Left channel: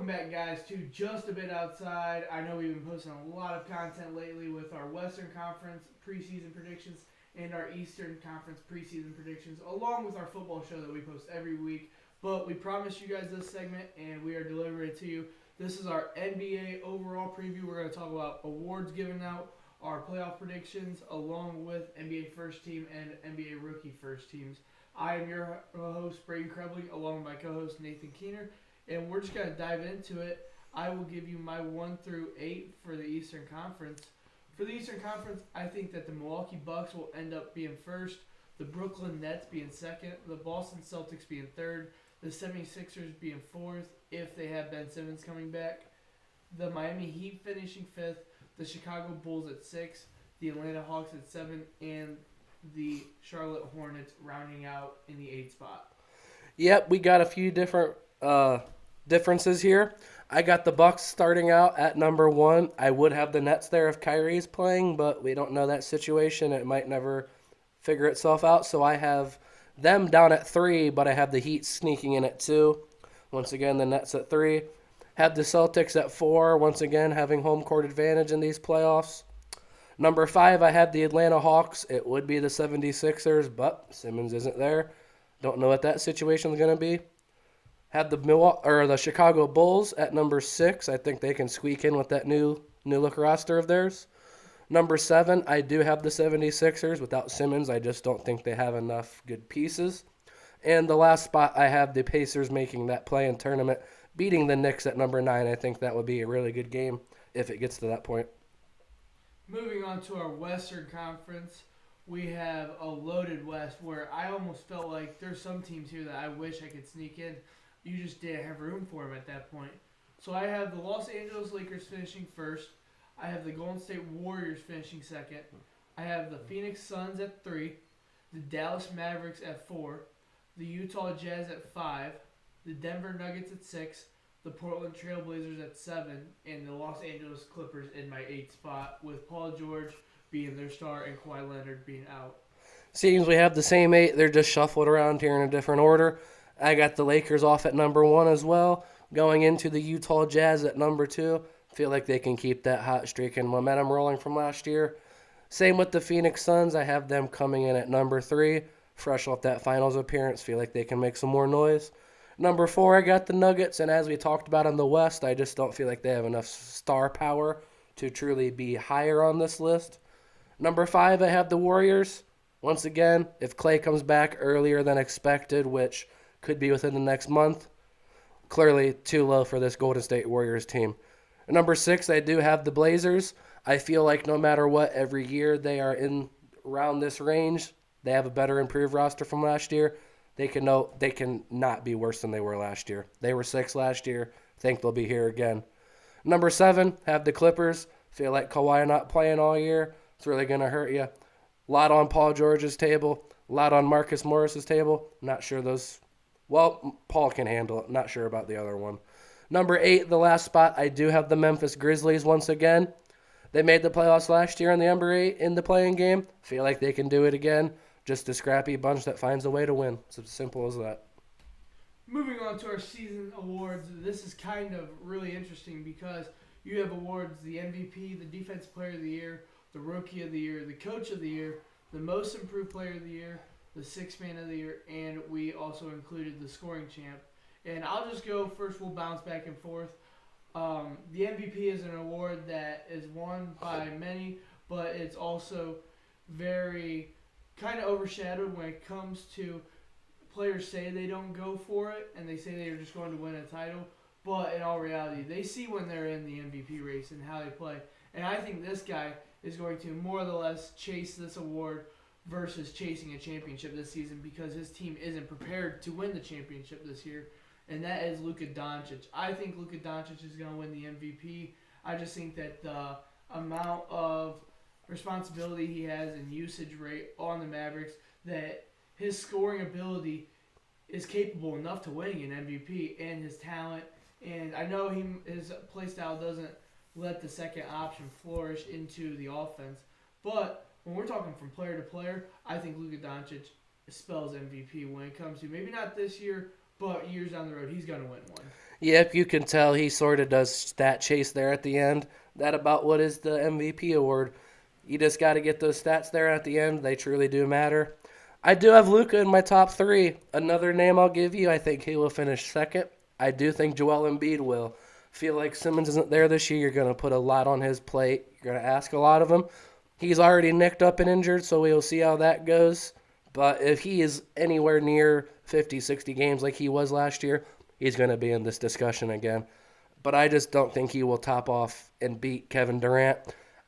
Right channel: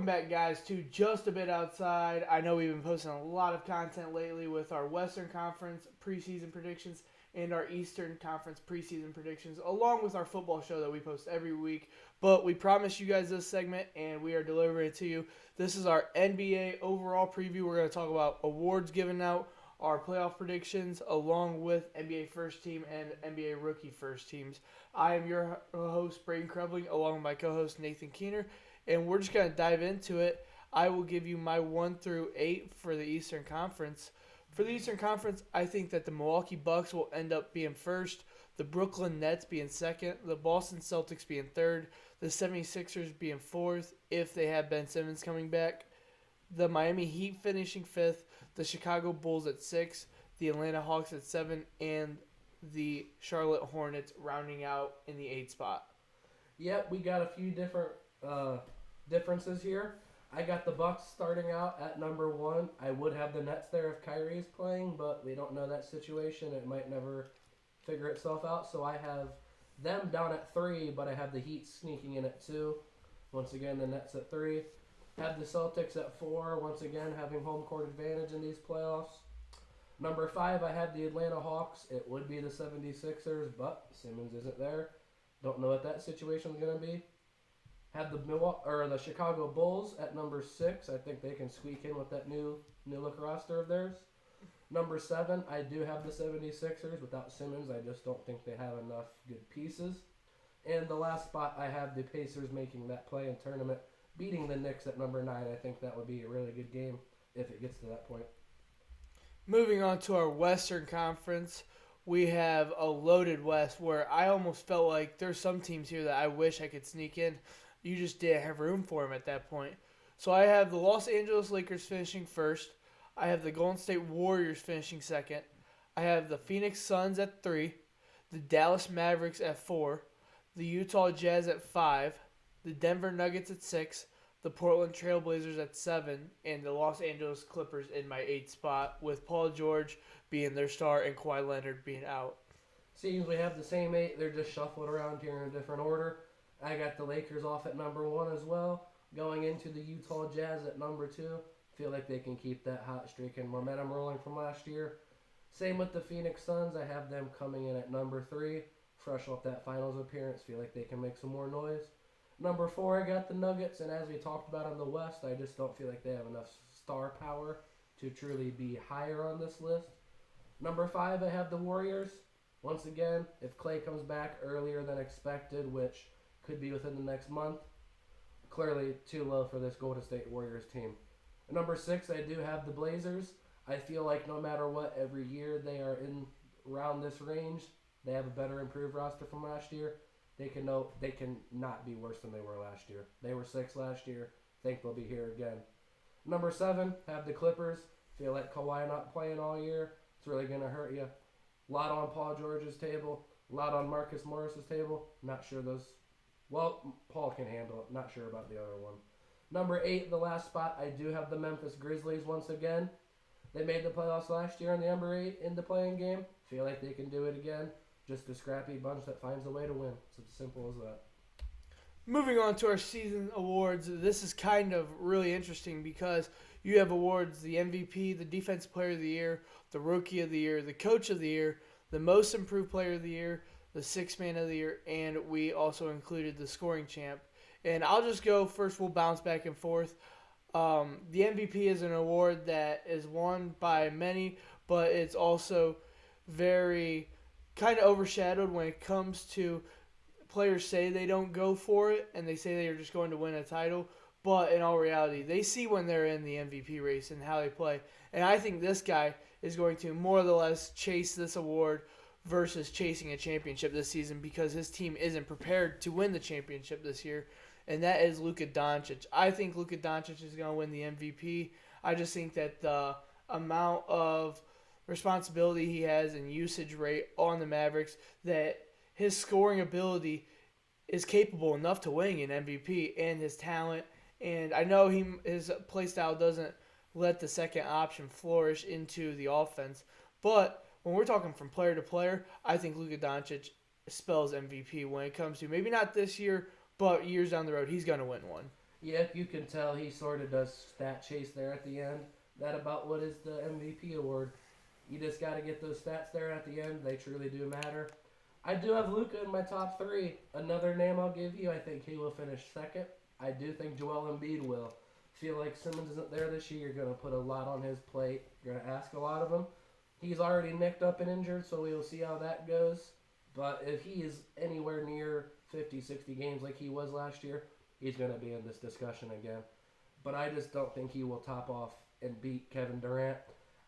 Welcome back, guys, to Just a Bit Outside. I know we've been posting a lot of content lately with our Western Conference preseason predictions and our Eastern Conference preseason predictions, along with our football show that we post every week. But we promised you guys this segment, and we are delivering it to you. This is our NBA overall preview. We're going to talk about awards given out, our playoff predictions, along with NBA first team and NBA rookie first teams. I am your host, Braden Krebling, along with my co host, Nathan Keener, and we're just going to dive into it. I will give you my 1 through 8 for the Eastern Conference. For the Eastern Conference, I think that the Milwaukee Bucks will end up being first, the Brooklyn Nets being second, the Boston Celtics being third, the 76ers being fourth if they have Ben Simmons coming back, the Miami Heat finishing fifth, the Chicago Bulls at 6, the Atlanta Hawks at 7, and the Charlotte Hornets rounding out in the 8th spot. Yep, we got a few different differences here. I got the Bucks starting out at number 1. I would have the Nets there if Kyrie's playing, but we don't know that situation. It might never figure itself out. So I have them down at 3, but I have the Heat sneaking in at 2. Once again, the Nets at 3. Have the Celtics at 4, once again having home court advantage in these playoffs. Number 5, I had the Atlanta Hawks. It would be the 76ers, but Simmons isn't there. Don't know what that situation is going to be. Had the Chicago Bulls at number 6. I think they can squeak in with that new look roster of theirs. Number 7, I do have the 76ers. Without Simmons, I just don't think they have enough good pieces. And the last spot, I have the Pacers making that play-in tournament, beating the Knicks at number 9. I think that would be a really good game if it gets to that point. Moving on to our Western Conference, we have a loaded West where I almost felt like there's some teams here that I wish I could sneak in. You just didn't have room for them at that point. So I have the Los Angeles Lakers finishing first. I have the Golden State Warriors finishing second. I have the Phoenix Suns at 3, the Dallas Mavericks at 4, the Utah Jazz at 5, the Denver Nuggets at 6, the Portland Trailblazers at 7, and the Los Angeles Clippers in my 8th spot, with Paul George being their star and Kawhi Leonard being out. Seems we have the same 8. They're just shuffled around here in a different order. I got the Lakers off at number 1 as well. Going into the Utah Jazz at number 2. Feel like they can keep that hot streak and momentum rolling from last year. Same with the Phoenix Suns. I have them coming in at number 3. Fresh off that finals appearance. Feel like they can make some more noise. Number 4, I got the Nuggets. And as we talked about in the West, I just don't feel like they have enough star power to truly be higher on this list. Number 5, I have the Warriors. Once again, if Clay comes back earlier than expected, which could be within the next month, clearly too low for this Golden State Warriors team. Number 6, I do have the Blazers. I feel like no matter what, every year they are in around this range. They have a better improved roster from last year. They can not be worse than they were last year. They were 6 last year. Think they'll be here again. Number 7, have the Clippers. Feel like Kawhi not playing all year. It's really going to hurt you. A lot on Paul George's table. A lot on Marcus Morris's table. Not sure those. Well, Paul can handle it. Not sure about the other one. Number 8, the last spot, I do have the Memphis Grizzlies once again. They made the playoffs last year in the number 8 in the playing game. Feel like they can do it again. Just a scrappy bunch that finds a way to win. It's as simple as that. Moving on to our season awards, this is kind of really interesting because you have awards: the MVP, the Defensive Player of the Year, the Rookie of the Year, the Coach of the Year, the Most Improved Player of the Year, the Sixth Man of the Year, and we also included the Scoring Champ. And I'll just go first. We'll bounce back and forth. The MVP is an award that is won by many, but it's also very kind of overshadowed when it comes to players say they don't go for it and they say they are just going to win a title. But in all reality, they see when they're in the MVP race and how they play. And I think this guy is going to more or less chase this award versus chasing a championship this season because his team isn't prepared to win the championship this year, and that is Luka Doncic. I think Luka Doncic is going to win the MVP. I just think that the amount of responsibility he has and usage rate on the Mavericks, that his scoring ability is capable enough to win an MVP, and his talent. And I know his play style doesn't let the second option flourish into the offense, but when we're talking from player to player, I think Luka Doncic spells MVP when it comes to maybe not this year, but years down the road, he's going to win one. Yep, you can tell he sort of does stat chase there at the end. That about what is the MVP award. You just got to get those stats there at the end. They truly do matter. I do have Luca in my top three. Another name I'll give you, I think he will finish second. I do think Joel Embiid will. Feel like Simmons isn't there this year. You're going to put a lot on his plate. You're going to ask a lot of him. He's already nicked up and injured, so we'll see how that goes. But if he is anywhere near 50, 60 games like he was last year, he's going to be in this discussion again. But I just don't think he will top off and beat Kevin Durant.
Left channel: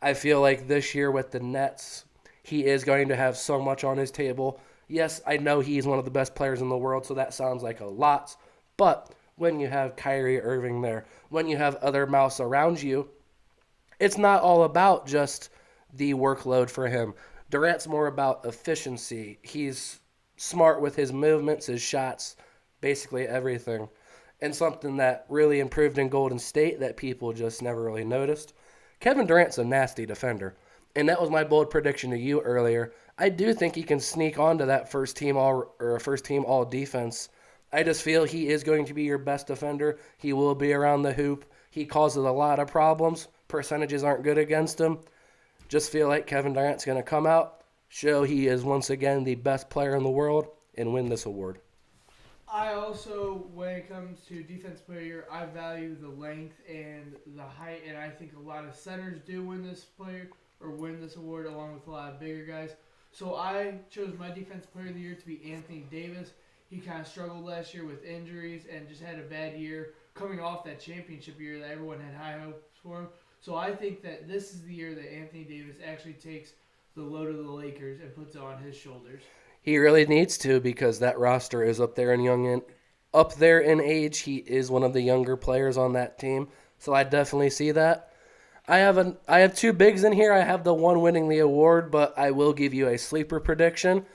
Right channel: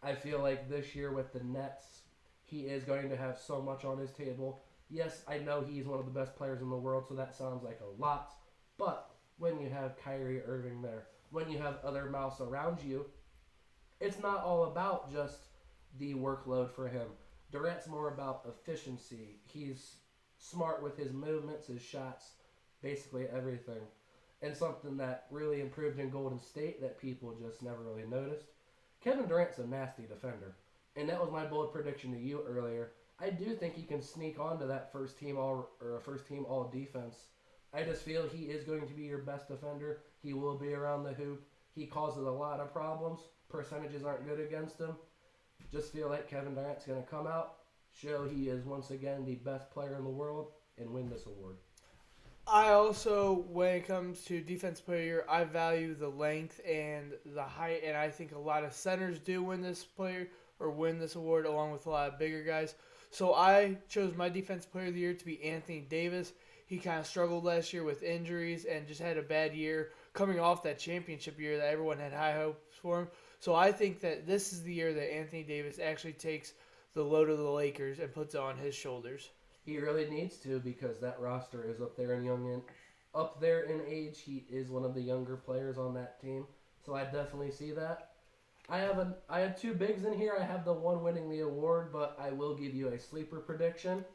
I feel like this year with the Nets, he is going to have so much on his table. Yes, I know he's one of the best players in the world, so that sounds like a lot. But when you have Kyrie Irving there, when you have other mouths around you, it's not all about just the workload for him. Durant's more about efficiency. He's smart with his movements, his shots, basically everything. And something that really improved in Golden State that people just never really noticed. Kevin Durant's a nasty defender. And that was my bold prediction to you earlier. I do think he can sneak onto that first team all defense. I just feel he is going to be your best defender. He will be around the hoop. He causes a lot of problems. Percentages aren't good against him. Just feel like Kevin Durant's going to come out, show he is once again the best player in the world, and win this award. I also, when it comes to defense player, I value the length and the height, and I think a lot of centers do win this player or win this award along with a lot of bigger guys. So I chose my defense player of the year to be Anthony Davis. He kind of struggled last year with injuries and just had a bad year coming off that championship year that everyone had high hopes for him. So I think that this is the year that Anthony Davis actually takes the load of the Lakers and puts it on his shoulders. He really needs to because that roster is up there in age. He is one of the younger players on that team, so I definitely see that. I have two bigs in here. I have the one winning the award, but I will give you a sleeper prediction.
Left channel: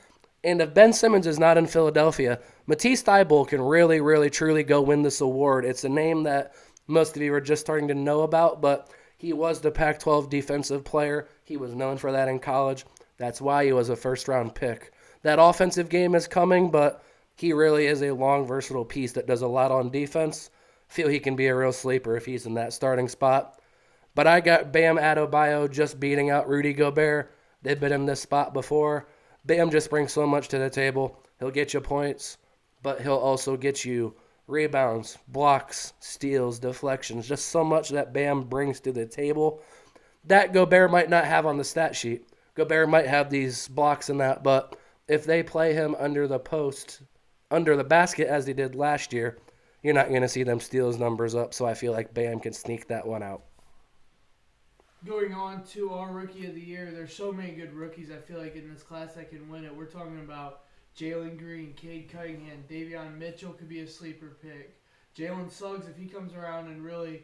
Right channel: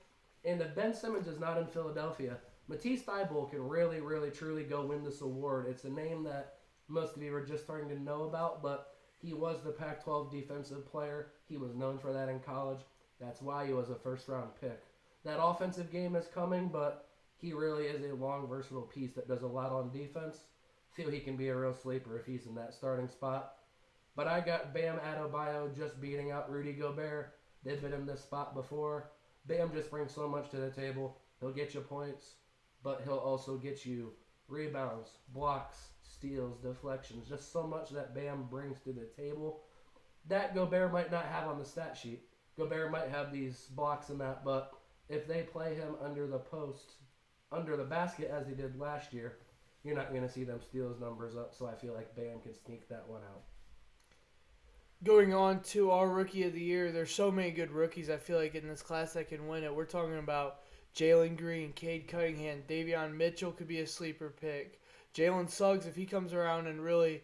And if Ben Simmons is not in Philadelphia, Matisse Thybulle can really, really, truly go win this award. It's a name that most of you are just starting to know about, but he was the Pac-12 defensive player. He was known for that in college. That's why he was a first-round pick. That offensive game is coming, but he really is a long, versatile piece that does a lot on defense. Feel he can be a real sleeper if he's in that starting spot. But I got Bam Adebayo just beating out Rudy Gobert. They've been in this spot before. Bam just brings so much to the table. He'll get you points, but he'll also get you rebounds, blocks, steals, deflections, just so much that Bam brings to the table that Gobert might not have on the stat sheet. Gobert might have these blocks and that, but if they play him under the post, under the basket as they did last year, you're not going to see them steals numbers up, so I feel like Bam can sneak that one out. Going on to our rookie of the year, there's so many good rookies I feel like in this class that can win it. We're talking about Jalen Green, Cade Cunningham, Davion Mitchell could be a sleeper pick. Jalen Suggs, if he comes around and really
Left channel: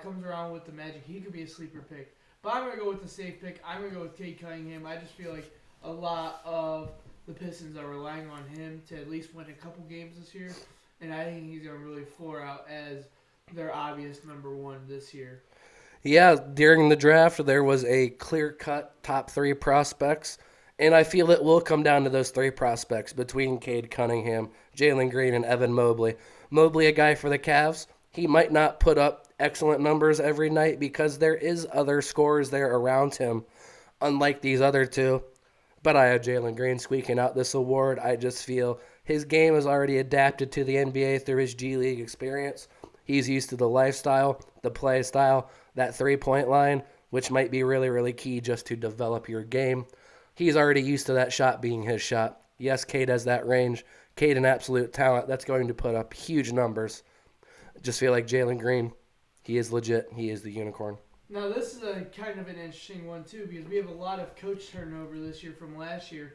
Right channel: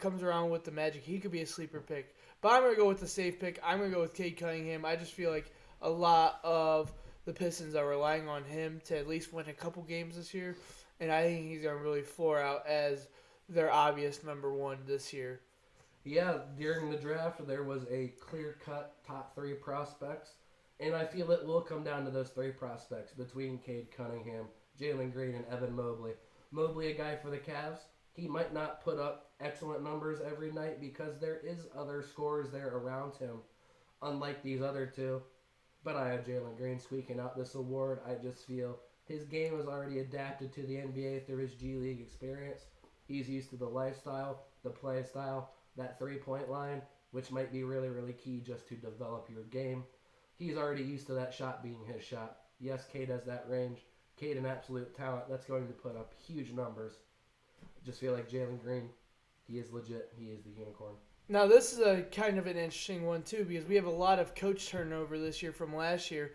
comes around with the magic, he could be a sleeper pick. But I'm going to go with the safe pick. I'm going to go with Cade Cunningham. I just feel like a lot of the Pistons are relying on him to at least win a couple games this year. And I think he's going to really floor out as their obvious number one this year. Yeah, during the draft, there was a clear-cut top three prospects, and I feel it will come down to those three prospects between Cade Cunningham, Jalen Green, and Evan Mobley. Mobley, a guy for the Cavs, he might not put up excellent numbers every night because there is other scorers there around him, unlike these other two. But I have Jalen Green squeaking out this award. I just feel his game is already adapted to the NBA through his G League experience. He's used to the lifestyle, the play style, that three-point line, which might be really, really key just to develop your game. He's already used to that shot being his shot. Yes, Cade has that range. Cade, an absolute talent. That's going to put up huge numbers. Just feel like Jalen Green, he is legit. He is the unicorn. Now, this is a kind of an interesting one, too, because we have a lot of coach turnover this year from last year.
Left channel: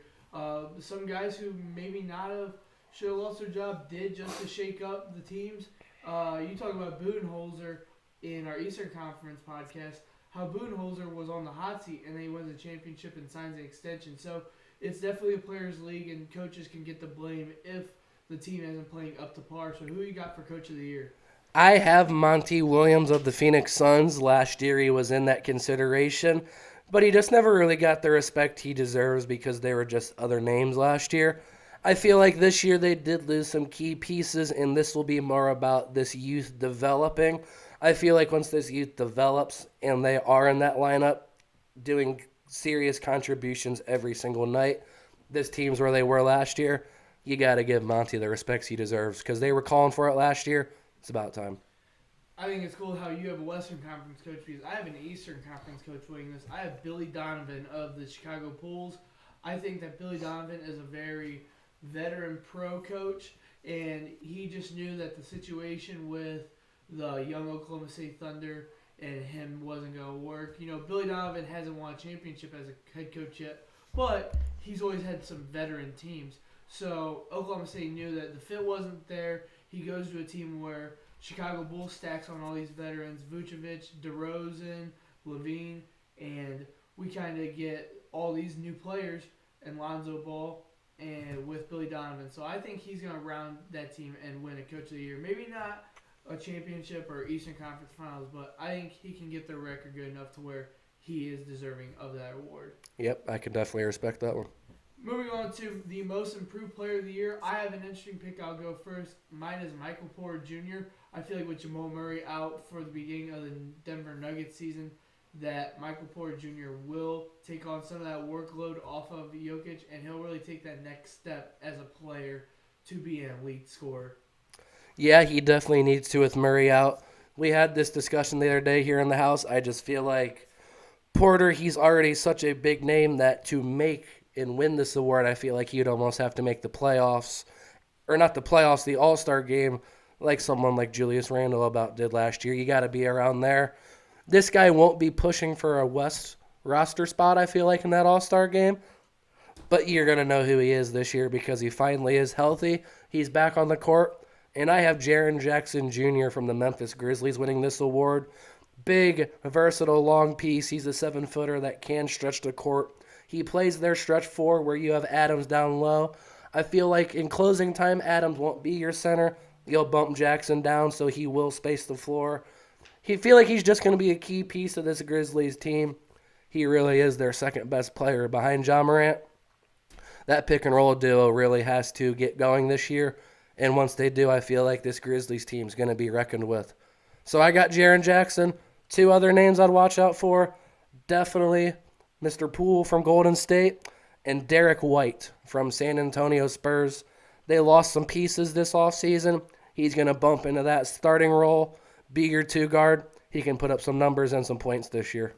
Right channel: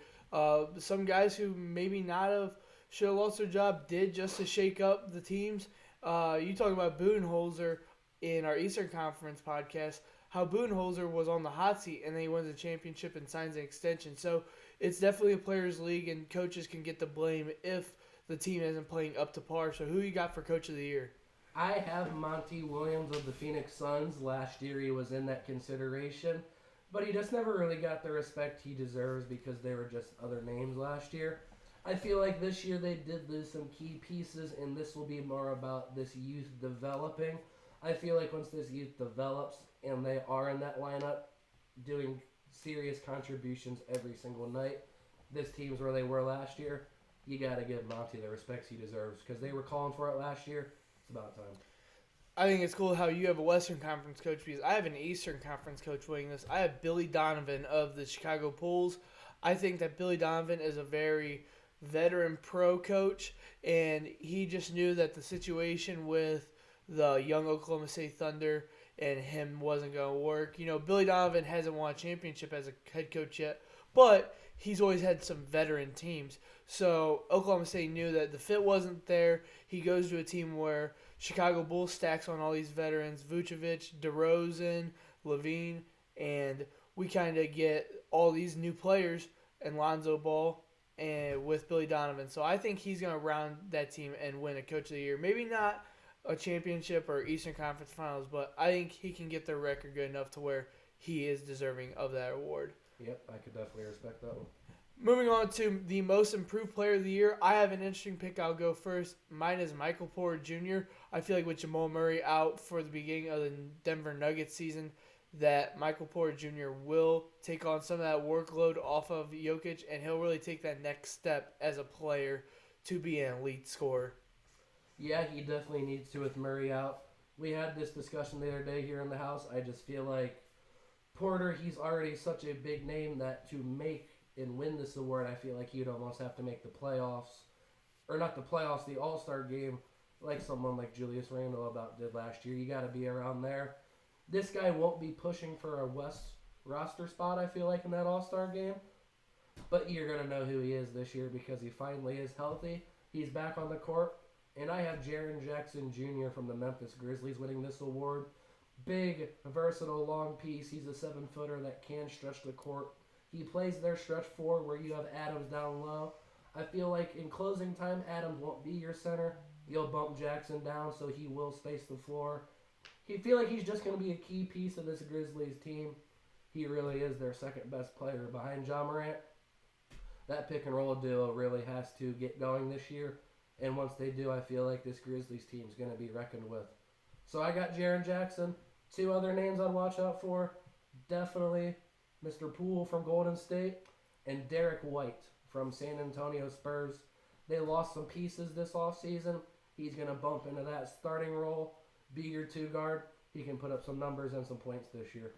Some guys who maybe not have should have lost their job did just to shake up the teams. You talk about Budenholzer in our Eastern Conference podcast, how Budenholzer was on the hot seat and then he wins a championship and signs an extension. So it's definitely a players' league, and coaches can get the blame if the team isn't playing up to par. So who you got for Coach of the Year? I have Monty Williams of the Phoenix Suns. Last year he was in that consideration, but he just never really got the respect he deserves because there were just other names last year. I feel like this year they did lose some key pieces, and this will be more about this youth developing. I feel like once this youth develops and they are in that lineup doing serious contributions every single night, this team's where they were last year. You got to give Monty the respects he deserves because they were calling for it last year. It's about time. I think it's cool how you have a Western Conference coach because I have an Eastern Conference coach winning this. I have Billy Donovan of the Chicago Bulls. I think that Billy Donovan is a very veteran pro coach, and he just knew that the situation with the young Oklahoma State Thunder and him wasn't going to work. You know, Billy Donovan hasn't won a championship as a head coach yet, but he's always had some veteran teams. So Oklahoma State knew that the fit wasn't there. He goes to a team where Chicago Bulls stacks on all these veterans, Vucevic, DeRozan, Levine, and we kind of get all these new players and Lonzo Ball and with Billy Donovan. So I think he's going to round that team and win a Coach of the Year. Maybe not a championship or Eastern Conference Finals, but I think he can get the record good enough to where he is deserving of that award. Yep, I can definitely respect that one. Moving on to the most improved player of the year, I have an interesting pick. I'll go first. Mine is Michael Porter Jr. I feel like with Jamal Murray out for the beginning of the Denver Nuggets season, that Michael Porter Jr. will take on some of that workload off of Jokic, and he'll really take that next step as a player to be an elite scorer. Yeah, he definitely needs to with Murray out. We had this discussion the other day here in the house. I just feel like Porter, he's already such a big name that to make and win this award, I feel like he'd almost have to make the playoffs, or not the playoffs, the All-Star game, like someone like Julius Randle about did last year. You got to be around there. This guy won't be pushing for a West roster spot, I feel like, in that All-Star game, but you're going to know who he is this year because he finally is healthy. He's back on the court, and I have Jaren Jackson Jr. from the Memphis Grizzlies winning this award. Big, versatile, long piece. He's a 7-footer that can stretch the court. He plays their stretch four where you have Adams down low. I feel like in closing time, Adams won't be your center. You'll bump Jackson down so he will space the floor. He feel like he's just going to be a key piece of this Grizzlies team. He really is their second best player behind Ja Morant. That pick and roll duo really has to get going this year. And once they do, I feel like this Grizzlies team is going to be reckoned with. So I got Jaren Jackson. Two other names I'd watch out for. Definitely Mr. Poole from Golden State and Derek White from San Antonio Spurs. They lost some pieces this offseason. He's going to bump into that starting role, be your two guard. He can put up some numbers and some points this year.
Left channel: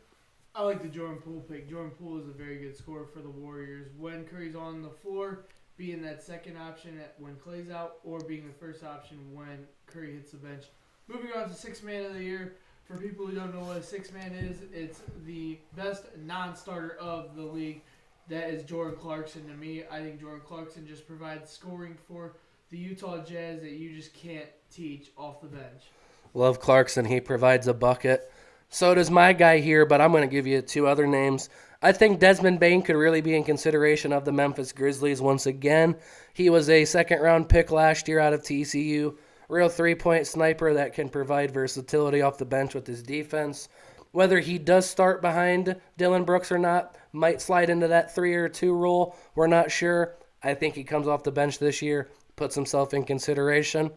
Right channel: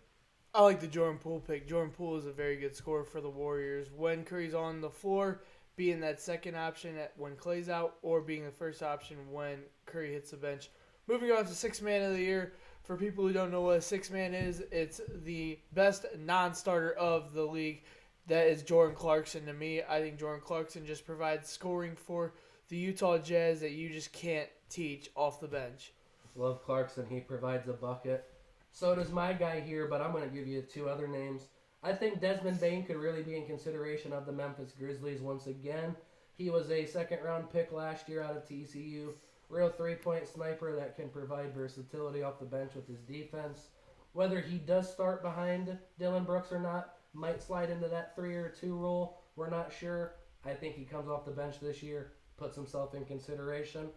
I like the Jordan Poole pick. Jordan Poole is a very good scorer for the Warriors. When Curry's on the floor, being that second option when Clay's out, or being the first option when Curry hits the bench. Moving on to Sixth Man of the Year. For people who don't know what a sixth man is, it's the best non-starter of the league. That is Jordan Clarkson to me. I think Jordan Clarkson just provides scoring for the Utah Jazz that you just can't teach off the bench. Love Clarkson. He provides a bucket. So does my guy here, but I'm going to give you two other names. I think Desmond Bane could really be in consideration of the Memphis Grizzlies once again. He was a second-round pick last year out of TCU. Real three-point sniper that can provide versatility off the bench with his defense. Whether he does start behind Dillon Brooks or not, might slide into that 3 or 2 role. We're not sure. I think he comes off the bench this year, puts himself in consideration.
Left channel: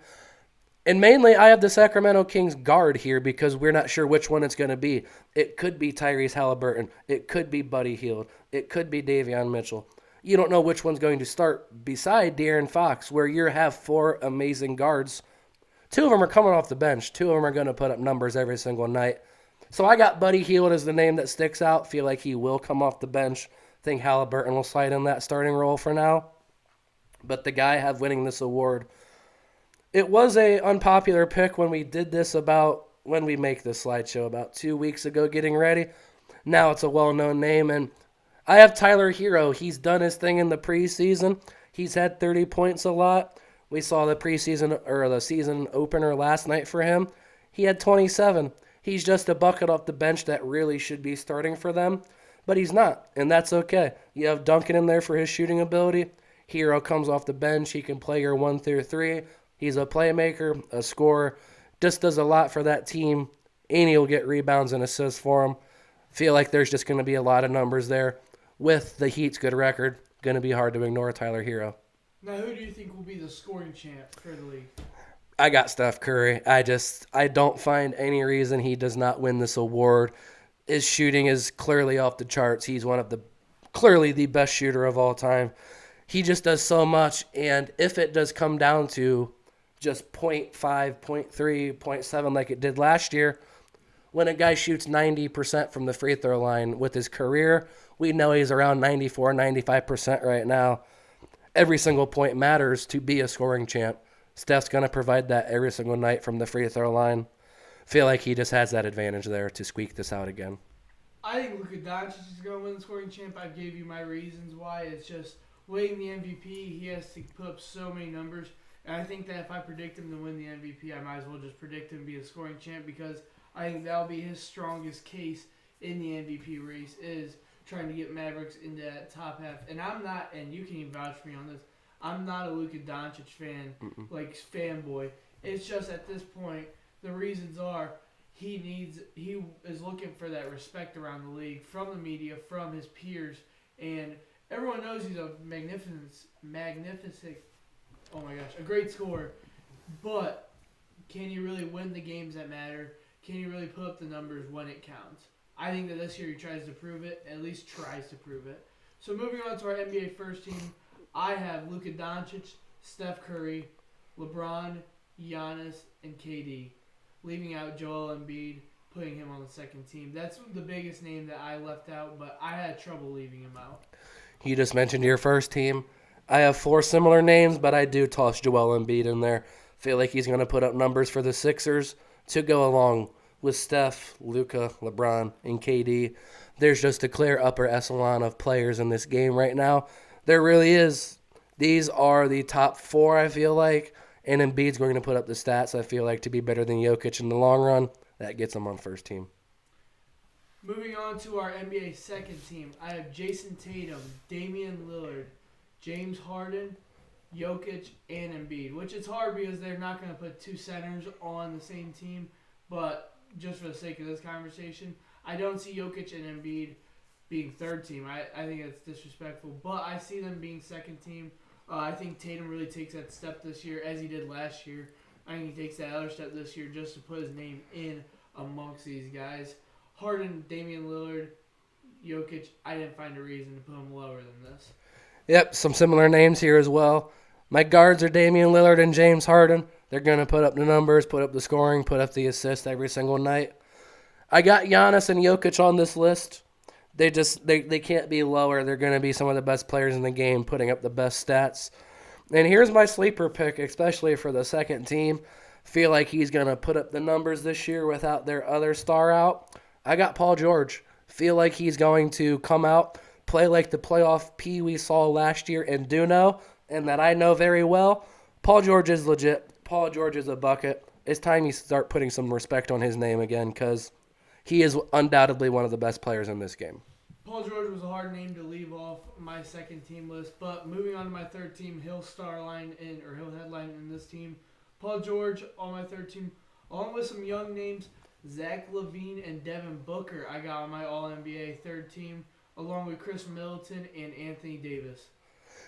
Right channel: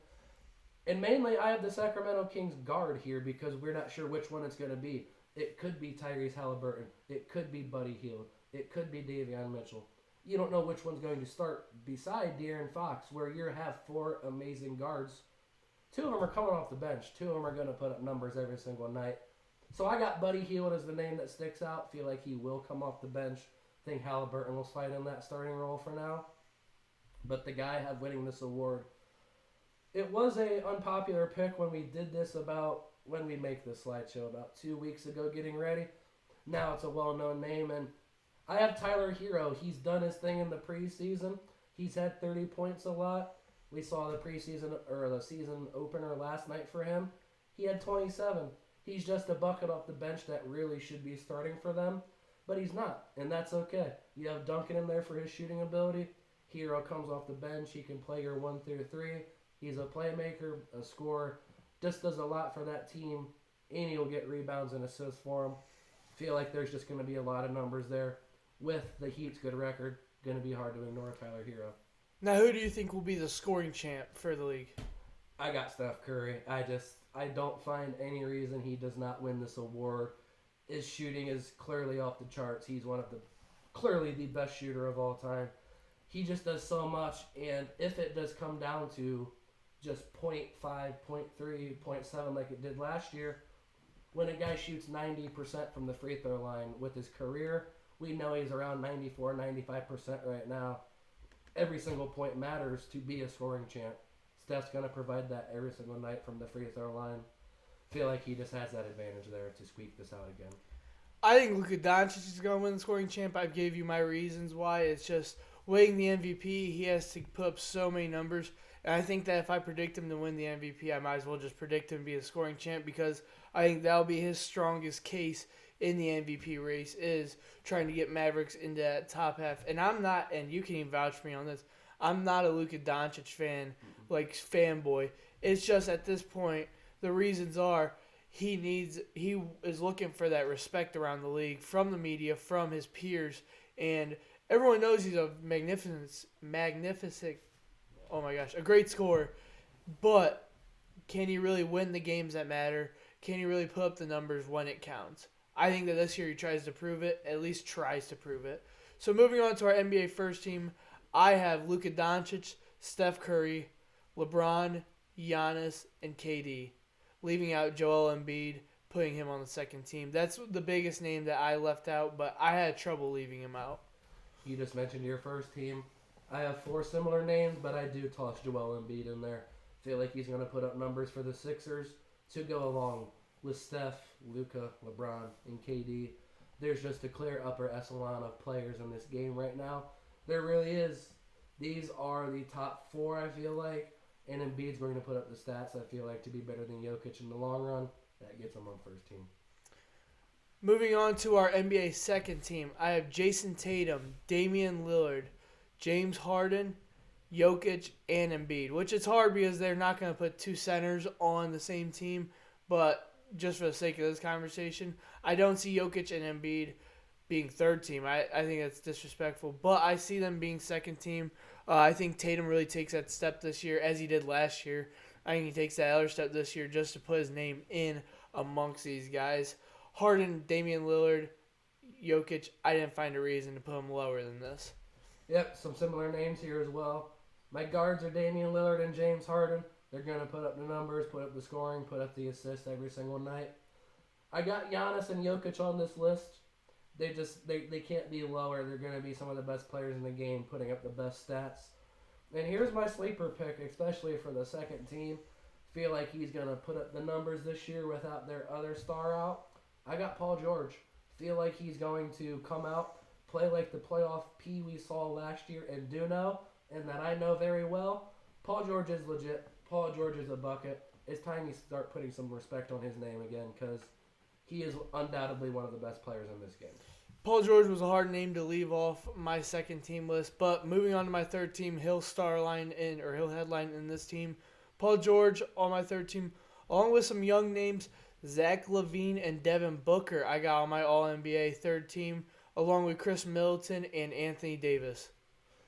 And mainly, I have the Sacramento Kings guard here because we're not sure which one it's going to be. It could be Tyrese Halliburton. It could be Buddy Hield. It could be Davion Mitchell. You don't know which one's going to start beside De'Aaron Fox, where you have 4 amazing guards. 2 of them are coming off the bench. 2 of them are going to put up numbers every single night. So I got Buddy Hield as the name that sticks out. Feel like he will come off the bench. Think Halliburton will slide in that starting role for now. But the guy I have winning this award, it was a unpopular pick when we did this when we make this slideshow about 2 weeks ago getting ready. Now it's a well-known name, and I have Tyler Hero. He's done his thing in the preseason. He's had 30 points a lot. We saw the preseason or the season opener last night for him. He had 27. He's just a bucket off the bench that really should be starting for them, but he's not, and that's okay. You have Duncan in there for his shooting ability. Hero comes off the bench. He can play your 1 through 3. He's a playmaker, a scorer, just does a lot for that team, and he'll get rebounds and assists for him. Feel like there's just going to be a lot of numbers there. With the Heat's good record, going to be hard to ignore Tyler Hero. Now, who do you think will be the scoring champ for the league? I got Steph Curry. I don't find any reason he does not win this award. His shooting is clearly off the charts. He's one of the clearly the best shooter of all time. He just does so much, and if it does come down to just point 0.5, point 0.3, point 0.7 like it did last year, when a guy shoots 90% from the free throw line with his career, we know he's around 94, 95% right now. Every single point matters to be a scoring champ. Steph's going to provide that every single night from the free throw line. Feel like he just has that advantage there to squeak this out again. I think Luka Doncic is going to win the scoring champ. I gave you my reasons why. It's just winning the MVP. He has to put up so many numbers. And I think that if I predict him to win the MVP, I might as well just predict him to be a scoring champ because I think that'll be his strongest case in the MVP race is trying to get Mavericks into that top half. And I'm not, and you can even vouch for me on this, I'm not a Luka Doncic fan, like fanboy. It's just at this point, the reasons are he is looking for that respect around the league from the media, from his peers, and everyone knows he's a magnificent, oh my gosh, a great scorer. But can he really win the games that matter? Can he really put up the numbers when it counts? I think that this year he tries to prove it, at least tries to prove it. So moving on to our NBA first team, I have Luka Doncic, Steph Curry, LeBron, Giannis, and KD. Leaving out Joel Embiid, putting him on the second team. That's the biggest name that I left out, but I had trouble leaving him out. You just mentioned your first team. I have four similar names, but I do toss Joel Embiid in there. Feel like he's going to put up numbers for the Sixers to go along with Steph, Luka, LeBron, and KD. There's just a clear upper echelon of players in this game right now. There really is. These are the top four, I feel like. And Embiid's going to put up the stats, I feel like, to be better than Jokic in the long run. That gets him on first team. Moving on to our NBA second team, I have Jason Tatum, Damian Lillard, James Harden, Jokic, and Embiid, which is hard because they're not going to put two centers on the same team. But just for the sake of this conversation, I don't see Jokic and Embiid being third team. I think it's disrespectful. But I see them being second team. I think Tatum really takes that step this year, as he did last year. I think he takes that other step this year just to put his name in amongst these guys. Harden, Damian Lillard, Jokic, I didn't find a reason to put him lower than this. Yep, some similar names here as well. My guards are Damian Lillard and James Harden. They're going to put up the numbers, put up the scoring, put up the assists every single night. I got Giannis and Jokic on this list. They can't be lower. They're going to be some of the best players in the game, putting up the best stats. And here's my sleeper pick, especially for the second team. Feel like he's going to put up the numbers this year without their other star out. I got Paul George. Feel like he's going to come out, play like the playoff P we saw last year in Duno, and that I know very well. Paul George is legit. Paul George is a bucket. It's time you start putting some respect on his name again because he is undoubtedly one of the best players in this game. Paul George was a hard name to leave off my second team list, but moving on to my third team, he'll headline in this team. Paul George on my third team, along with some young names, Zach LaVine and Devin Booker. I got on my All-NBA third team, along with Chris Middleton and Anthony Davis.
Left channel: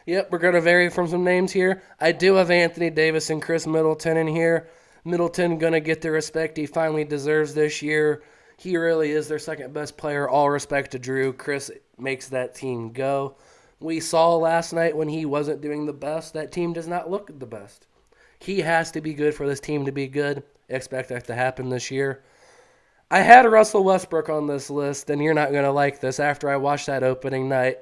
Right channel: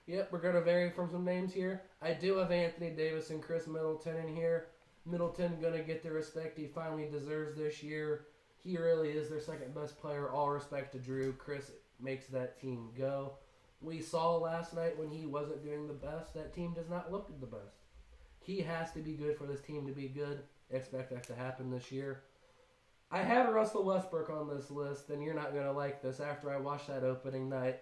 Yep, we're going to vary from some names here. I do have Anthony Davis and Chris Middleton in here. Middleton going to get the respect he finally deserves this year. He really is their second best player. All respect to Drew. Chris makes that team go. We saw last night when he wasn't doing the best, that team does not look the best. He has to be good for this team to be good. Expect that to happen this year. I had Russell Westbrook on this list, and you're not going to like this after I watched that opening night.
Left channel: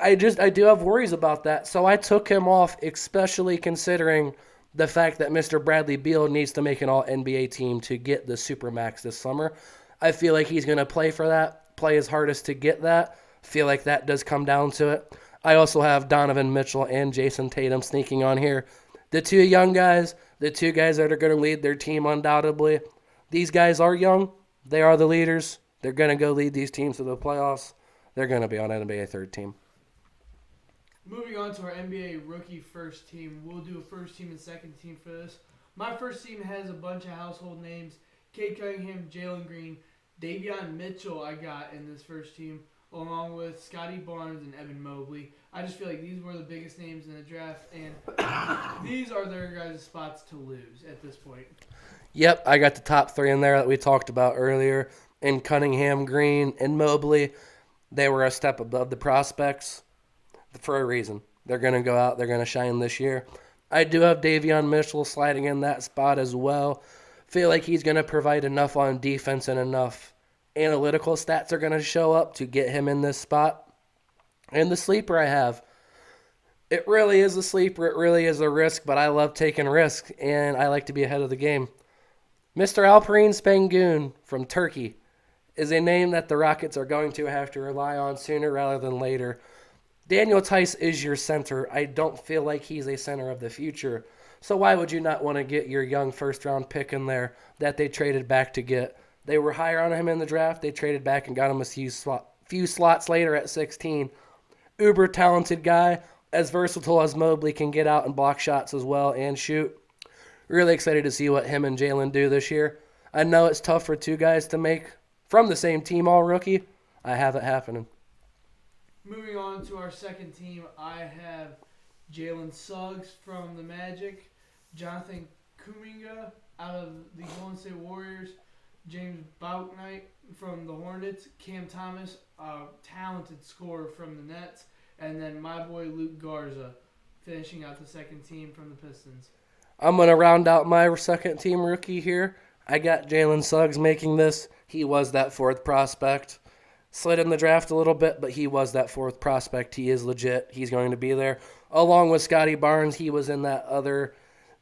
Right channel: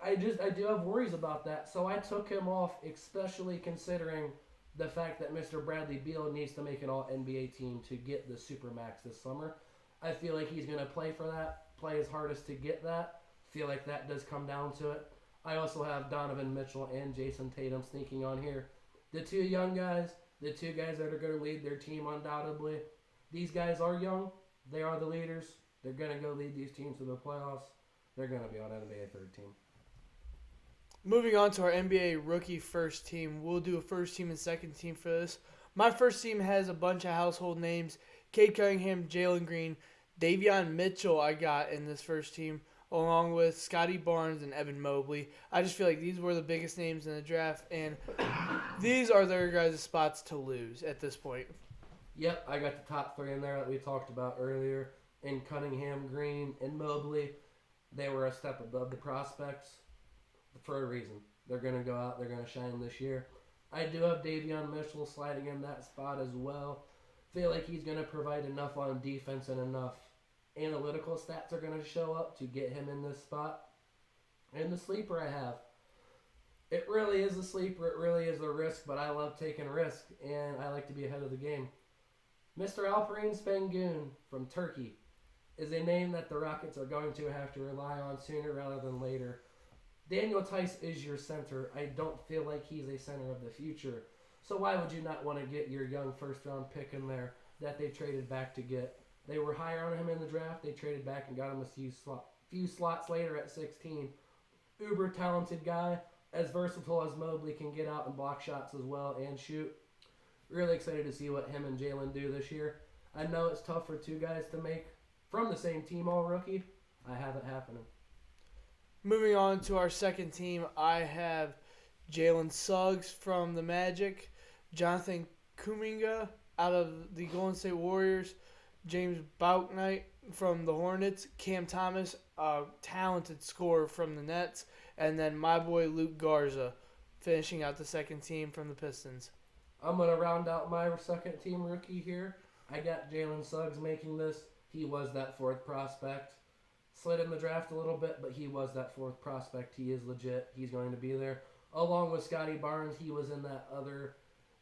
I do have worries about that, so I took him off, especially considering the fact that Mr. Bradley Beal needs to make an All-NBA team to get the Supermax this summer. I feel like he's going to play for that, play his hardest to get that. Feel like that does come down to it. I also have Donovan Mitchell and Jason Tatum sneaking on here. The two young guys, the two guys that are going to lead their team undoubtedly. These guys are young. They are the leaders. They're going to go lead these teams to the playoffs. They're going to be on NBA third team. Moving on to our NBA rookie first team. We'll do a first team and second team for this. My first team has a bunch of household names. Cade Cunningham, Jalen Green, Davion Mitchell I got in this first team, along with Scotty Barnes and Evan Mobley. I just feel like these were the biggest names in the draft, and these are their guys' spots to lose at this point. Yep, I got the top three in there that we talked about earlier. In Cunningham, Green, and Mobley, they were a step above the prospects for a reason. They're going to go out, they're going to shine this year. I do have Davion Mitchell sliding in that spot as well. Feel like he's going to provide enough on defense and enough analytical stats are going to show up to get him in this spot. And the sleeper I have, it really is a sleeper. It really is a risk, but I love taking risks, and I like to be ahead of the game. Mr. Alperine Spangoon from Turkey is a name that the Rockets are going to have to rely on sooner rather than later. Daniel Tice is your center. I don't feel like he's a center of the future. So why would you not want to get your young first-round pick in there that they traded back to get? They were higher on him in the draft. They traded back and got him a few slots later at 16. Uber talented guy, as versatile as Mobley, can get out and block shots as well and shoot. Really excited to see what him and Jalen do this year. I know it's tough for two guys to make from the same team all rookie. I have it happening. Moving on to our second team, I have Jalen Suggs from the Magic, Jonathan Kuminga out of the Golden State Warriors, James Bouknight from the Hornets, Cam Thomas, a talented scorer from the Nets, and then my boy Luke Garza finishing out the second team from the Pistons. I'm going to round out my second team rookie here. I got Jalen Suggs making this. He was that fourth prospect. Slid in the draft a little bit, but he was that fourth prospect. He is legit. He's going to be there. Along with Scotty Barnes, he was in that other.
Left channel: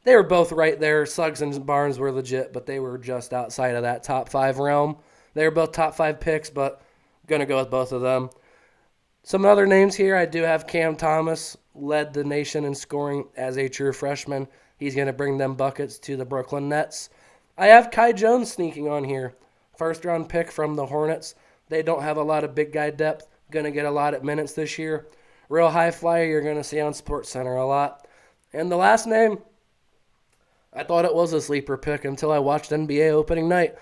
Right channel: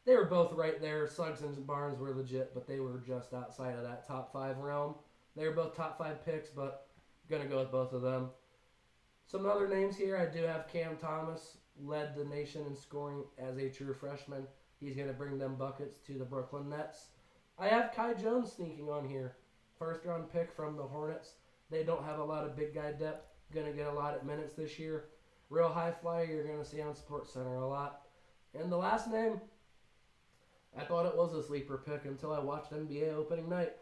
They were both right there. Suggs and Barnes were legit, but they were just outside of that top 5 realm. They were both top 5 picks, but going to go with both of them. Some other names here. I do have Cam Thomas, led the nation in scoring as a true freshman. He's going to bring them buckets to the Brooklyn Nets. I have Kai Jones sneaking on here. First-round pick from the Hornets. They don't have a lot of big guy depth. Going to get a lot of minutes this year. Real high flyer you're going to see on SportsCenter a lot. And the last name, I thought it was a sleeper pick until I watched NBA opening night.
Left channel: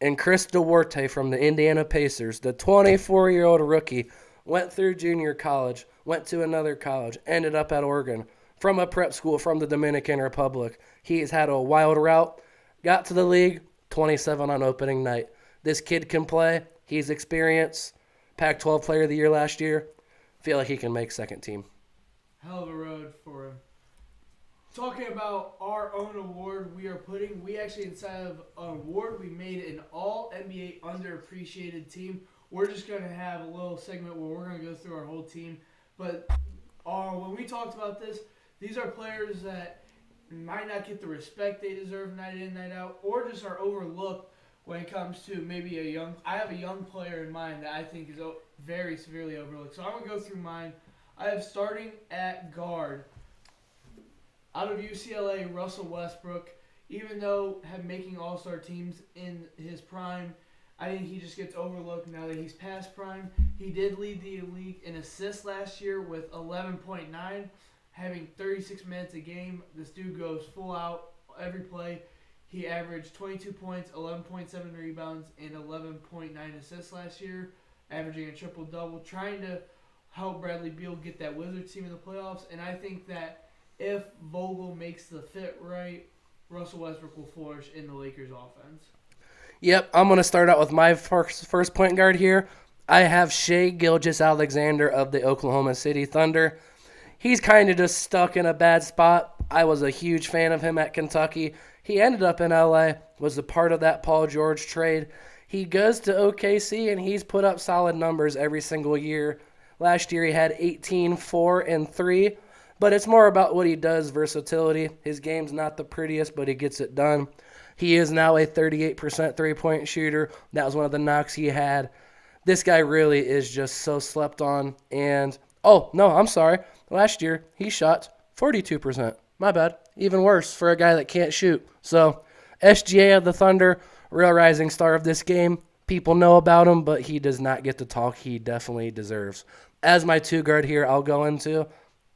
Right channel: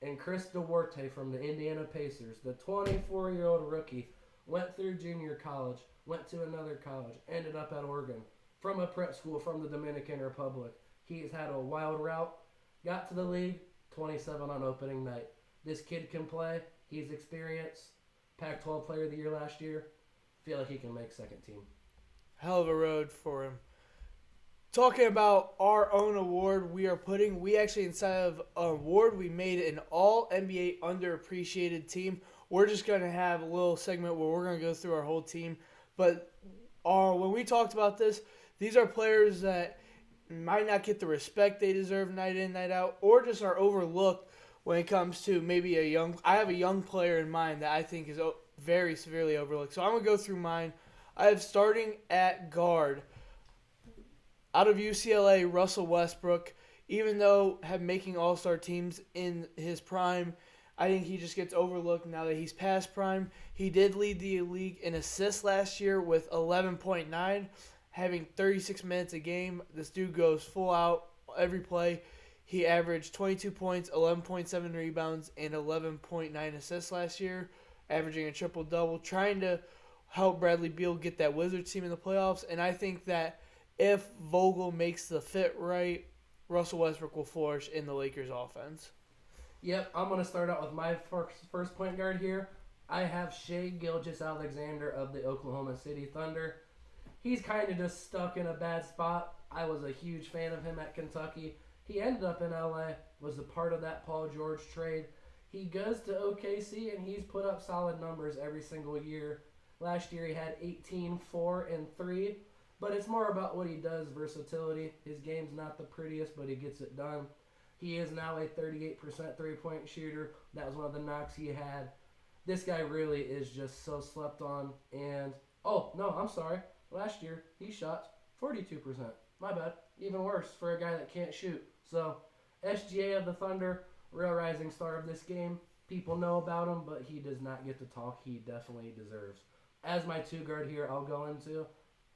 And Chris Duarte from the Indiana Pacers, the 24-year-old rookie, went through junior college, went to another college, ended up at Oregon, from a prep school from the Dominican Republic. He's had a wild route, got to the league, 27 on opening night. This kid can play. He's experienced. Pac-12 Player of the Year last year. Feel like he can make second team. Hell of a road for him. Talking about our own award, we actually, inside of an award, we made an all-NBA underappreciated team. We're just going to have a little segment where we're going to go through our whole team. But when we talked about this, these are players that might not get the respect they deserve night in, night out, or just are overlooked when it comes to maybe I have a young player in mind that I think is very severely overlooked. So I'm going to go through mine. I have starting at guard, out of UCLA, Russell Westbrook. Even though making all-star teams in his prime, I think he just gets overlooked now that he's past prime. He did lead the league in assists last year with 11.9, having 36 minutes a game. This dude goes full out every play. He averaged 22 points, 11.7 rebounds, and 11.9 assists last year, averaging a triple-double, trying to help Bradley Beal get that Wizards team in the playoffs. And I think that if Vogel makes the fit right, Russell Westbrook will flourish in the Lakers' offense. Yep, I'm going to start out with my first point guard here. I have Shai Gilgeous-Alexander of the Oklahoma City Thunder. He's kind of just stuck in a bad spot. I was a huge fan of him at Kentucky. He ended up in LA, was a part of that Paul George trade. He goes to OKC, and he's put up solid numbers every single year. Last year he had 18, 4, and 3. But it's more about what he does, versatility. His game's not the prettiest, but he gets it done. He is now a 38% three-point shooter. That was one of the knocks he had. This guy really is just so slept on. And, last year he shot 42%. My bad. Even worse for a guy that can't shoot. So, SGA of the Thunder, real rising star of this game. People know about him, but he does not get the talk he definitely deserves. As my two guard here, I'll go into.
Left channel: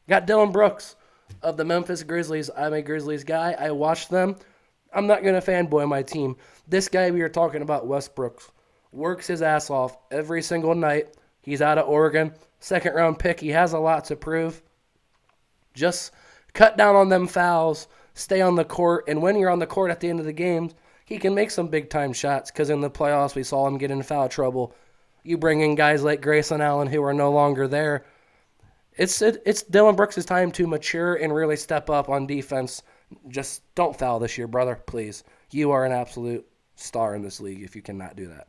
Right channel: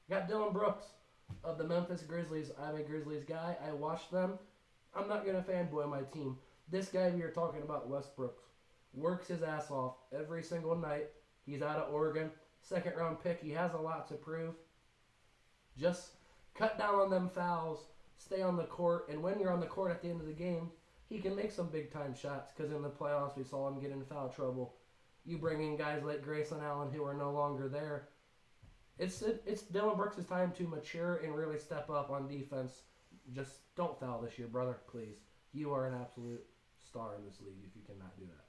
Got Dylan Brooks of the Memphis Grizzlies. I'm a Grizzlies guy. I watched them. I'm not going to fanboy my team. This guy we are talking about, Westbrook, works his ass off every single night, He's out of Oregon. Second round pick. He has a lot to prove. Just cut down on them fouls, stay on the court, and when you're on the court at the end of the game, he can make some big-time shots because in the playoffs we saw him get in foul trouble. You bring in guys like Grayson Allen who are no longer there. It's Dylan Brooks' time to mature and really step up on defense. Just don't foul this year, brother, please. You are an absolute star in this league if you cannot do that.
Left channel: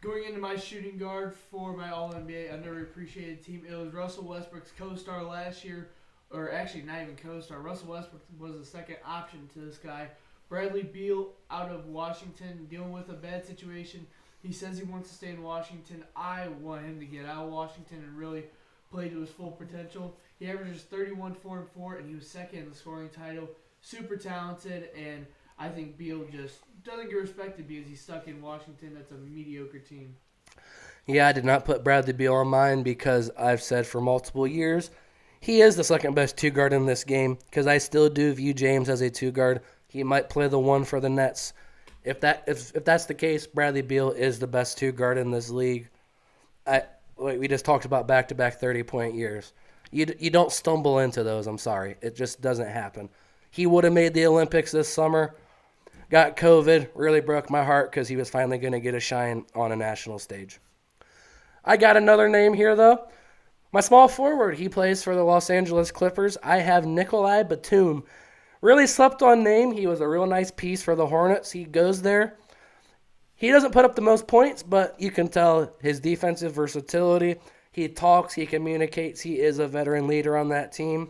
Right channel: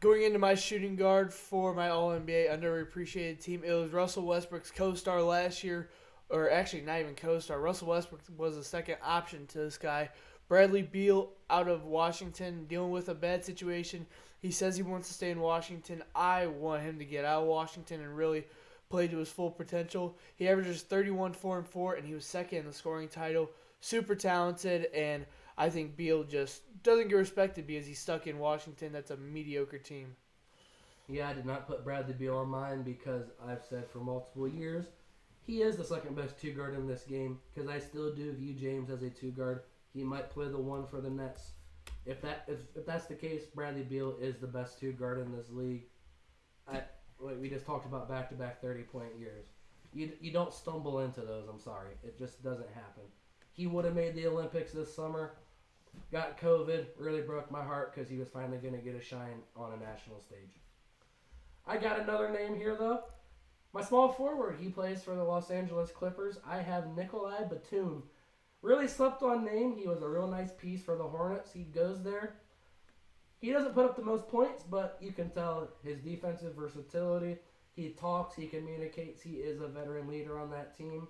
Going into my shooting guard for my All-NBA underappreciated team, it was Russell Westbrook's co-star last year, or actually not even co-star. Russell Westbrook was the second option to this guy. Bradley Beal out of Washington, dealing with a bad situation. He says he wants to stay in Washington. I want him to get out of Washington and really play to his full potential. He averages 31, 4, and 4, and he was second in the scoring title. Super talented, and I think Beal just doesn't get respected because he's stuck in Washington. That's a mediocre team. Yeah, I did not put Bradley Beal on mine because I've said for multiple years he is the second best two guard in this game because I still do view James as a two guard. He might play the one for the Nets. If that's the case, Bradley Beal is the best two guard in this league. We just talked about back-to-back 30-point years. You don't stumble into those, I'm sorry. It just doesn't happen. He would have made the Olympics this summer. Got COVID, really broke my heart because he was finally going to get a shine on a national stage. I got another name here, though. My small forward, he plays for the Los Angeles Clippers. I have Nikolai Batum. Really slept on name. He was a real nice piece for the Hornets. He goes there. He doesn't put up the most points, but you can tell his defensive versatility. He talks, he communicates, he is a veteran leader on that team,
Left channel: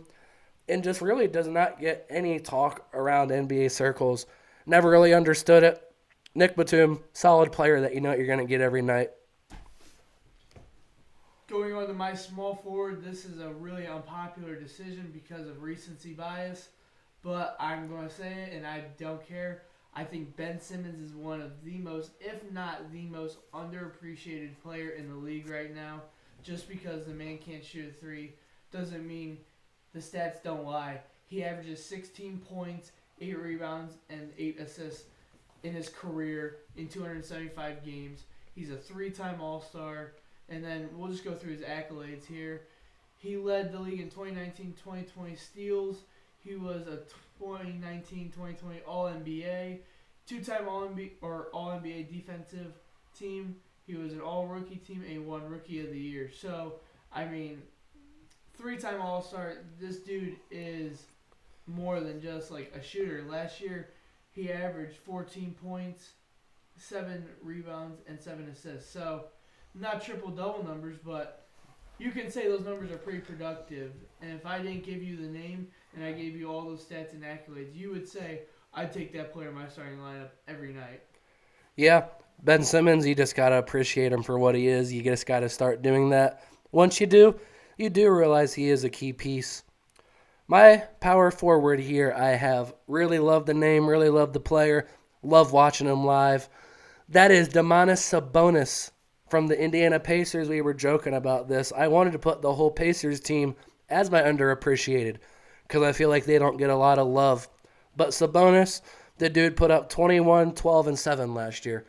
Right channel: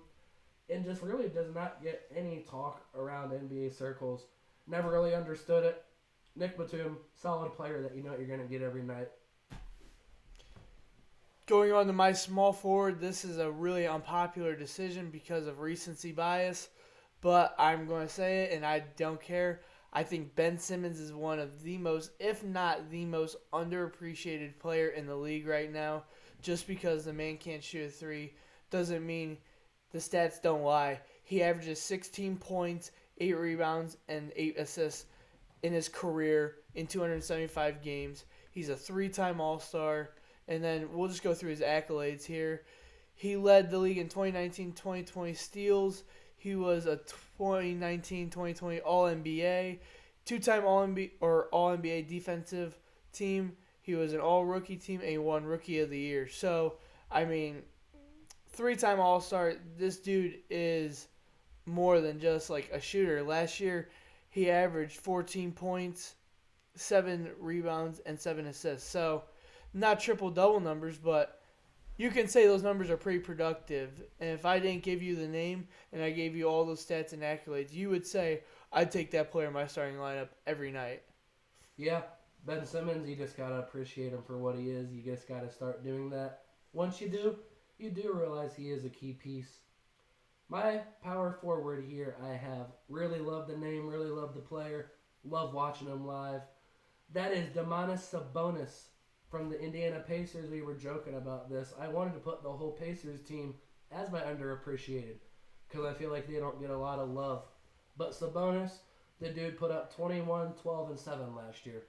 and just really does not get any talk around NBA circles. Never really understood it. Nick Batum, solid player that you know you're going to get every night. Going on to my small forward, this is a really unpopular decision because of recency bias, but I'm going to say it, and I don't care. I think Ben Simmons is one of the most, if not the most, underappreciated player in the league right now. Just because the man can't shoot a three doesn't mean the stats don't lie. He averages 16 points, 8 rebounds, and 8 assists in his career in 275 games. He's a 3-time All-Star. And then we'll just go through his accolades here. He led the league in 2019-2020 steals. He was a 2019-2020 All-NBA, 2-time All-NBA defensive team. He was an All-Rookie team, and he won Rookie of the Year. So, 3-time All-Star. This dude is more than just like a shooter. Last year, he averaged 14 points, 7 rebounds, and 7 assists. So, not triple-double numbers, but you can say those numbers are pretty productive. And if I didn't give you the name and I gave you all those stats and accolades, you would say I'd take that player in my starting lineup every night. Yeah, Ben Simmons, you just got to appreciate him for what he is. You just got to start doing that. Once you do realize he is a key piece. My power forward here, I have really loved the name, really loved the player, love watching him live. That is Domantas Sabonis from the Indiana Pacers. We were joking about this. I wanted to put the whole Pacers team as my underappreciated because I feel like they don't get a lot of love. But Sabonis, the dude put up 21, 12, and 7 last year.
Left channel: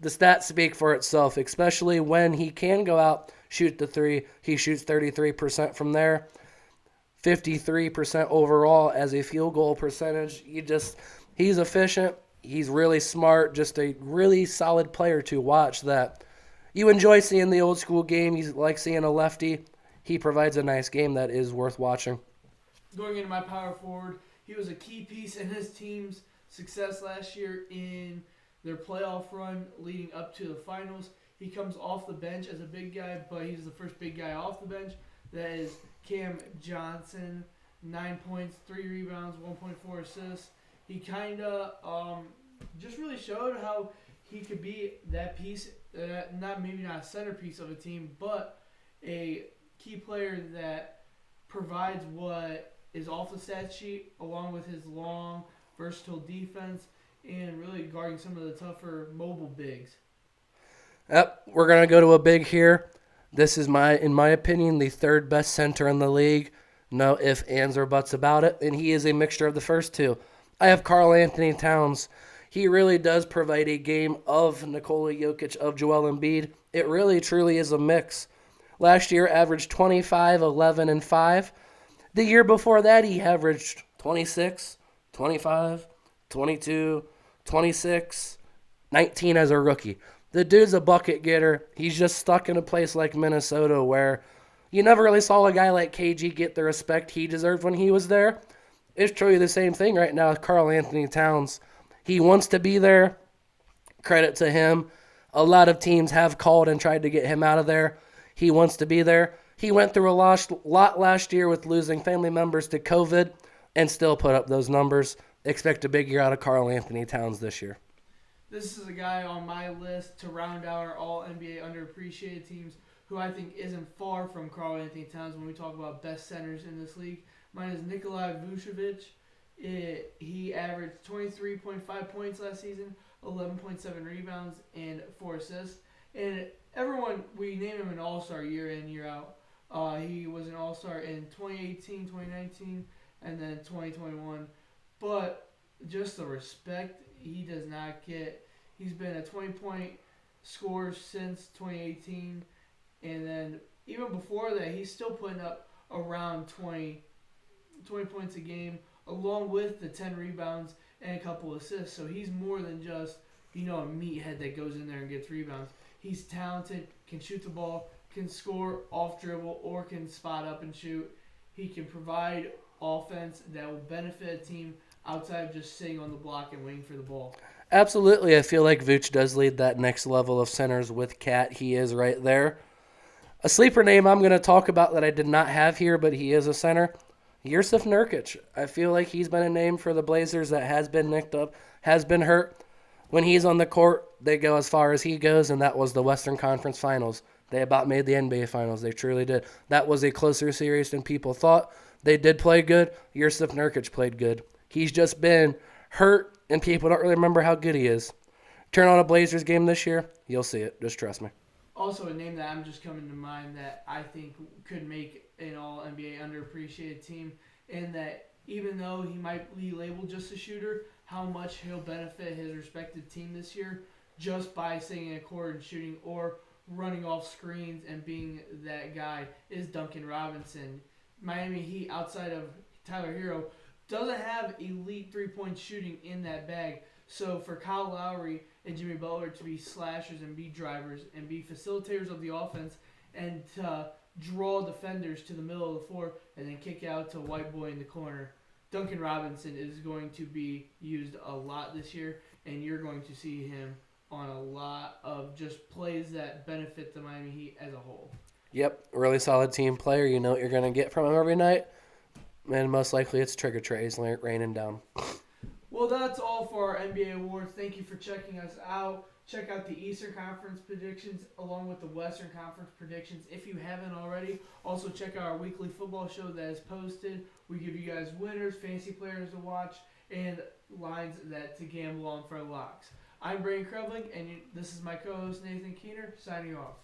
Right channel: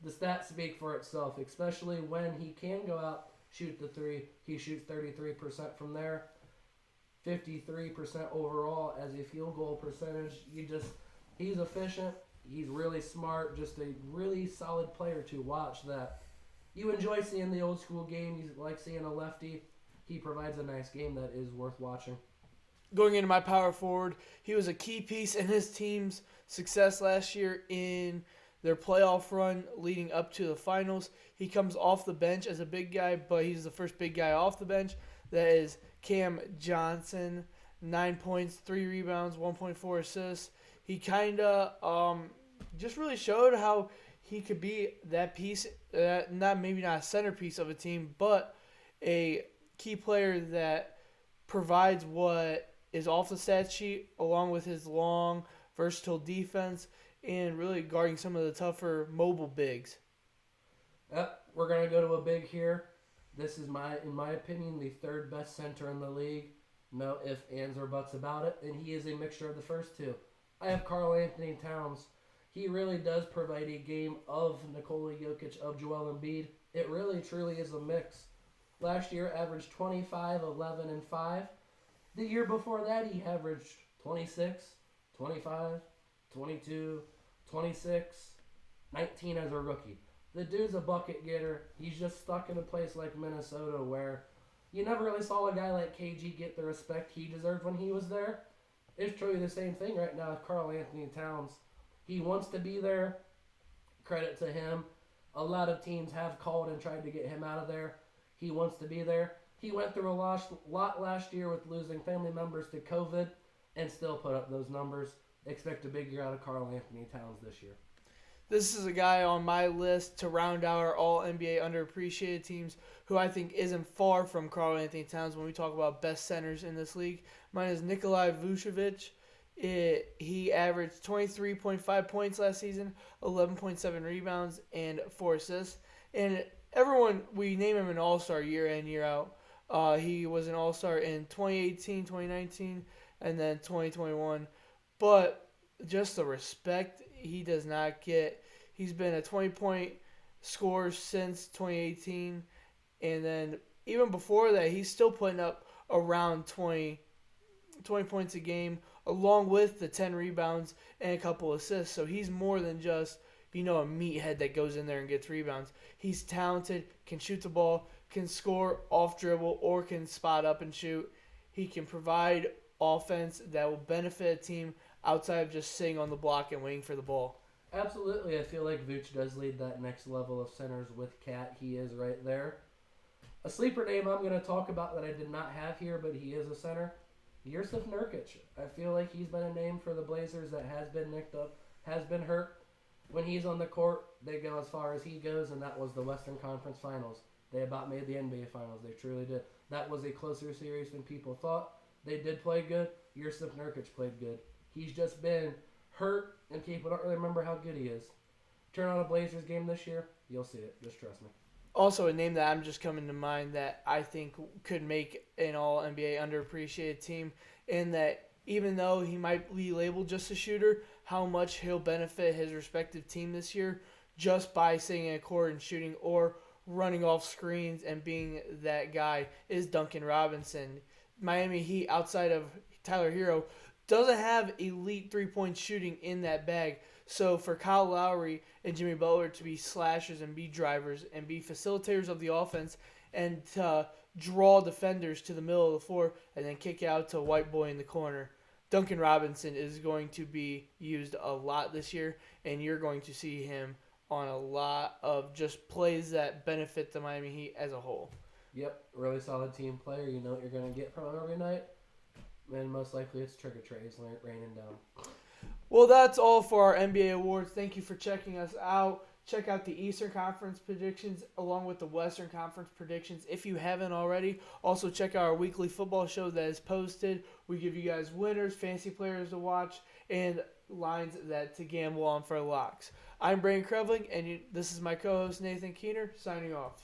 The stats speak for itself, especially when he can go out, shoot the three. He shoots 33% from there, 53% overall as a field goal percentage. He's efficient. He's really smart, just a really solid player to watch that you enjoy seeing the old school game. He's like seeing a lefty. He provides a nice game that is worth watching. Going into my power forward, he was a key piece in his team's success last year in their playoff run leading up to the finals. He comes off the bench as a big guy, but he's the first big guy off the bench. That is Cam Johnson, 9 points, 3 rebounds, 1.4 assists. He kind of just really showed how he could be that piece, maybe not a centerpiece of a team, but a key player that provides what is off the stat sheet along with his long, versatile defense and really guarding some of the tougher mobile bigs. Yep, we're going to go to a big here. This is, in my opinion, the third best center in the league. No ifs, ands, or buts about it, and he is a mixture of the first two. I have Karl Anthony Towns. He really does provide a game of Nikola Jokic, of Joel Embiid. It really, truly is a mix. Last year, averaged 25, 11, and 5. The year before that, he averaged 26, 25, 22, 26, 19 as a rookie. The dude's a bucket getter. He's just stuck in a place like Minnesota where you never really saw a guy like KG get the respect he deserved when he was there. It's truly the same thing right now with Karl Anthony Towns. He wants to be there. Credit to him. A lot of teams have called and tried to get him out of there. He wants to be there. He went through a lot last year with losing family members to COVID and still put up those numbers. Expect a big year out of Karl Anthony Towns this year. This is a guy on my list to round out our all NBA underappreciated teams who I think isn't far from Karl Anthony Towns when we talk about best centers in this league. Mine is Nikolai Vucevic. He averaged 23.5 points last season, 11.7 rebounds, and 4 assists. And everyone, we name him an all-star year in, year out. He was an all-star in 2018, 2019, and then 2021. But just the respect he does not get. He's been a 20-point scorer since 2018. And then even before that, he's still putting up around 20 points a game, along with the 10 rebounds and a couple assists. So he's more than just, a meathead that goes in there and gets rebounds. He's talented, can shoot the ball, can score off dribble, or can spot up and shoot. He can provide offense that will benefit a team outside of just sitting on the block and waiting for the ball. Absolutely. I feel like Vooch does lead that next level of centers with Cat. He is right there. A sleeper name I'm going to talk about that I did not have here, but he is a center, JUUUSST Nurkic. I feel like he's been a name for the Blazers that has been nicked up, has been hurt. When he's on the court, they go as far as he goes, and that was the Western Conference Finals. They about made the NBA Finals. They truly did. That was a closer series than people thought. They did play good. JUUUSST Nurkic played good. He's just been hurt, and people don't really remember how good he is. Turn on a Blazers game this year, you'll see it. Just trust me. Also, a name that I'm just coming to mind that I think could make an all-NBA underappreciated team, and that even though he might be labeled just a shooter, how much he'll benefit his respective team this year just by sitting in a court and shooting or running off screens and being that guy is Duncan Robinson. Miami Heat, outside of Tyler Hero, doesn't have elite three-point shooting in that bag. So for Kyle Lowry and Jimmy Butler to be slashers and be drivers and be facilitators of the offense and to draw defenders to the middle of the floor and then kick out to a white boy in the corner, Duncan Robinson is going to be used a lot this year, and you're going to see him on a lot of just plays that benefit the Miami Heat as a whole. Yep, really solid team player. You know what you're going to get from him every night. And most likely it's trigger trays raining down. Well, that's all for our NBA awards. Thank you for checking us out. Check out the Eastern Conference predictions along with the Western Conference predictions if you haven't already. Also, check out our weekly football show that is posted. We give you guys winners, fantasy players to watch, and lines to gamble on for locks. I'm Braden Krevling, and this is my co-host Nathan Keener, signing off.